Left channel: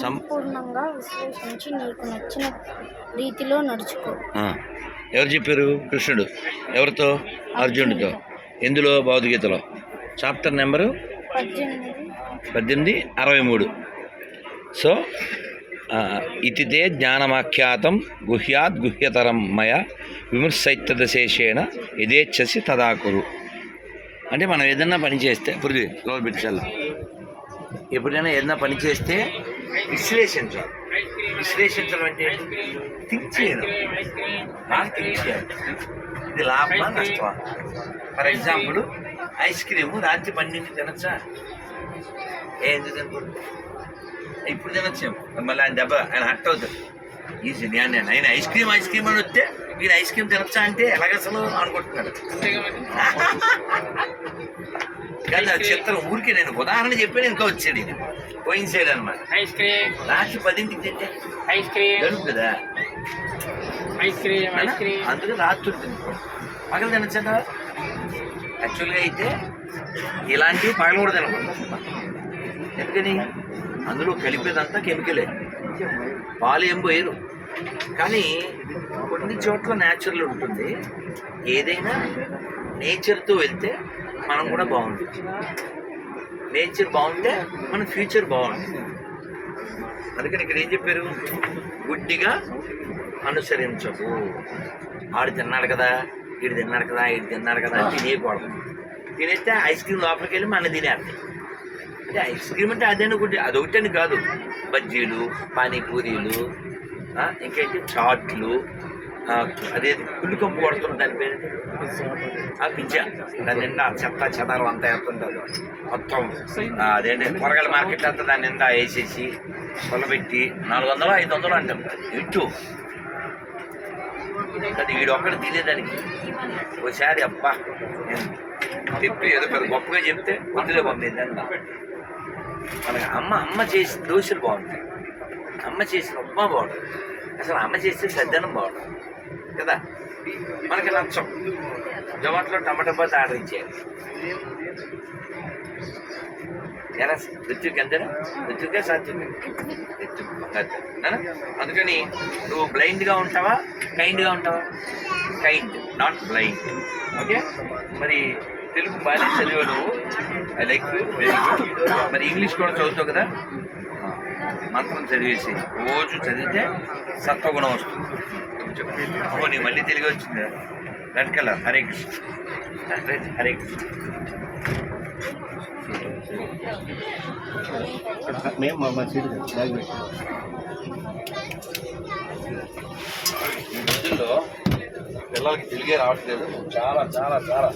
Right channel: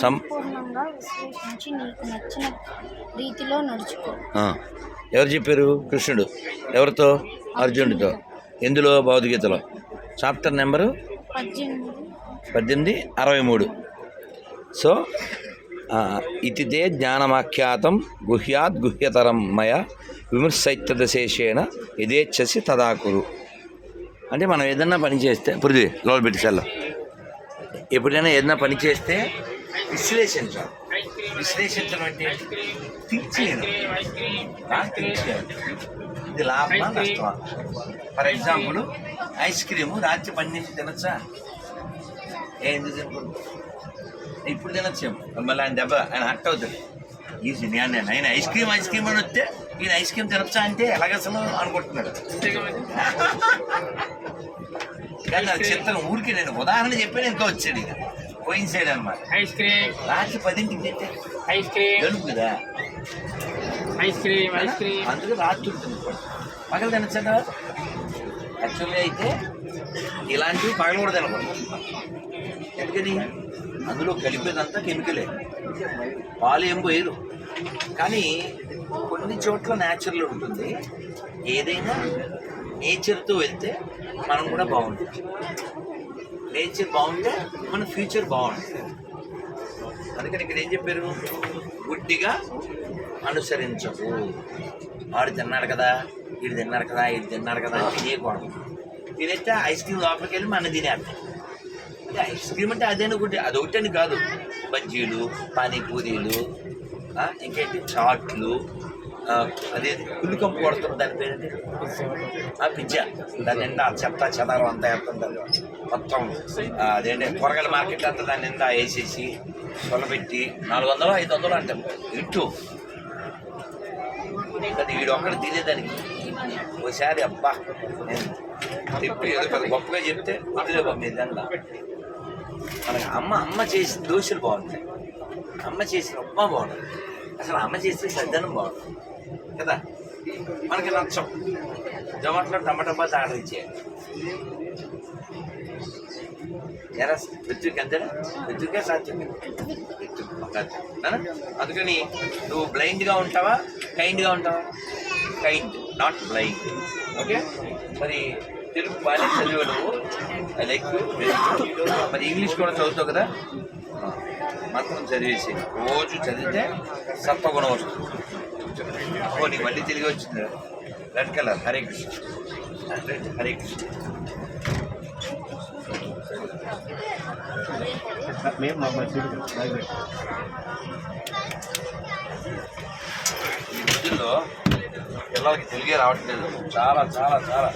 సంపూర్ణంగా విశ్లేషించి నీకు నచ్చిన రీతిలో నడుచుకో. ఎవరు చెప్పారు? కృష్ణుడు. ఎవరితో? అర్జునుడితో. ఎందులో? భౌతికతలో. Chapter number? పద్దెనిమిది. అరవై మూడు. సో ఇతితే జ్ఞానమాఖ్యాతం గుహ్యాత్ గుహ్యతరం మయ విమర్శైత్యదశేషేణ యథేచ్ఛసి తదాకురు. అంటే మనం ఏదన్నా పని చేస్తే పృథ్వీ లోపల పెట్టి చల్ల. ఎప్పుడైనా ఏదైనా పని చేస్తే విశ్లేషించాలి విశ్లేషించడం అంటే థింక్ చేయడం. థింక్ చేయాలి. ఇది లాభమా నష్టమా? ఫర్ ఎగ్జాంపుల్ ఐస్ క్రీము రాత్రి పన్నెండు తినచ్చా? ఏ ఎందుకు తినకూడదు? ఇప్పుడు తినచ్చేమో. మళ్ళీ ఆయన దెబ్బ ఆయన హట్ అవుతుంది ఈజీ. నేను నేను ఐస్ క్రీమ్ ఐస్ క్రీమ్ అని వస్తే నేను ఐస్ క్రీమ్ తినొచ్చా అంటే ఎలాగ అసలు అనుకుంటున్నాడు కానీ అది చిత్రం ఊరికి నేను ఉదాహరణ చెప్పాను ఇంకా వచ్చాడు ఇక. పోయిన సైడ్ అనమాట ఐస్ క్రీమ్. రాత్రి పదింటికి ఐస్ క్రీమ్. దొరుకుతుందా ఐస్ క్రీమ్ ఐస్ క్రీమ్. అందుకే రాత్రి తినుకోండి పగలు తినచ్చా యాక్చువల్గా అయితే ఇలాంటివి పగలు కూడా తినకూడదు. ఎందుకని? అందులో కలిపేదంతా కెమికలే. పాలు ఏం పోయరు. కానీ కొన్ని చోట్ల న్యాచురల్ ఉంటుంది. ఏదైనా నేచర్తో వెళ్తే మనం కూడా బాగుంటుంది నేచర్ బాగుంటే మన ఫ్యూచర్ బాగుంటుంది. అందుకని ఇక్కడ ఏం చెప్పారు? గుడ్డిగా అనుసరించవు. ఆడు తిన్నాడు కదా వీడు తిన్నాడు కదా వీడు తిన్నాడు కదా అని తినేయకూడదు తినేస్తే ఐస్ క్రీమ్ లోపలికి వెళ్ళి మన తినేస్తాయి అంటే ఐస్ క్రీమ్ అంటే అదేనా గుడ్డి అదొకటని కాదు. బజ్జీలు పానీపూరీలు ఇంకేంటి? చాట్లు అదే పుల్లు కంపు కొడుతుంది దాని పేరేంటి? ఆ పిజ్జా. దాని నిండా చెత్త చెదారం అంతా వేస్తుంటారు. మొత్తం అదేంటి? కూరగాయల మార్కెట్ అంతా దాని నిండా వేసేసి పొలబెట్టి నాలుగు వందలు ఐదు వందలు అంటాం. ఇటు. అది వీడు తినేదానికి ఒకసారి అబ్బా నేను ఏదో పెద్ద గొప్పగా చెప్తే వదిలే పంపింది అన్న మనకి అమ్మ అమ్మ చేసిన దోశలు బాగుంటాయి. అమ్మ చేసిన ఉప్మా బాగుంటుంది. అసలు అమ్మ చేసిన సద్దనం బాగుంటుంది. కదా? మనకి నచ్చం. జొమాటోలో టమాటా బాత్ ఆర్డర్ ఇచ్చేయండి. ఎలా? రుచికి అంతేనా రుచిగా సాధ్యం అందుకని నువ్వు బ్లైండ్గా ఉంటావా? కైండ్గా ఉంటావా? Kind not blind. ఓకే? మరి తెలుగు బాగానే చదివా నువ్వు ఐ లైక్ వెరీ గుడ్ మరి ఇంగ్లీష్ కూడా చదువుతావు కదా? మంత్రం చదివేసి రోజు చదివితే సత్వగుణం వస్తుంది. ఓ నీ మళ్ళీ తెలుగు వచ్చింది? Red colour Hare Krishna red Hare Krishna ఈ రోజుల్లో పిల్లలకి తెలుగే రావట్లేదు. చాలా చాలా చాలా.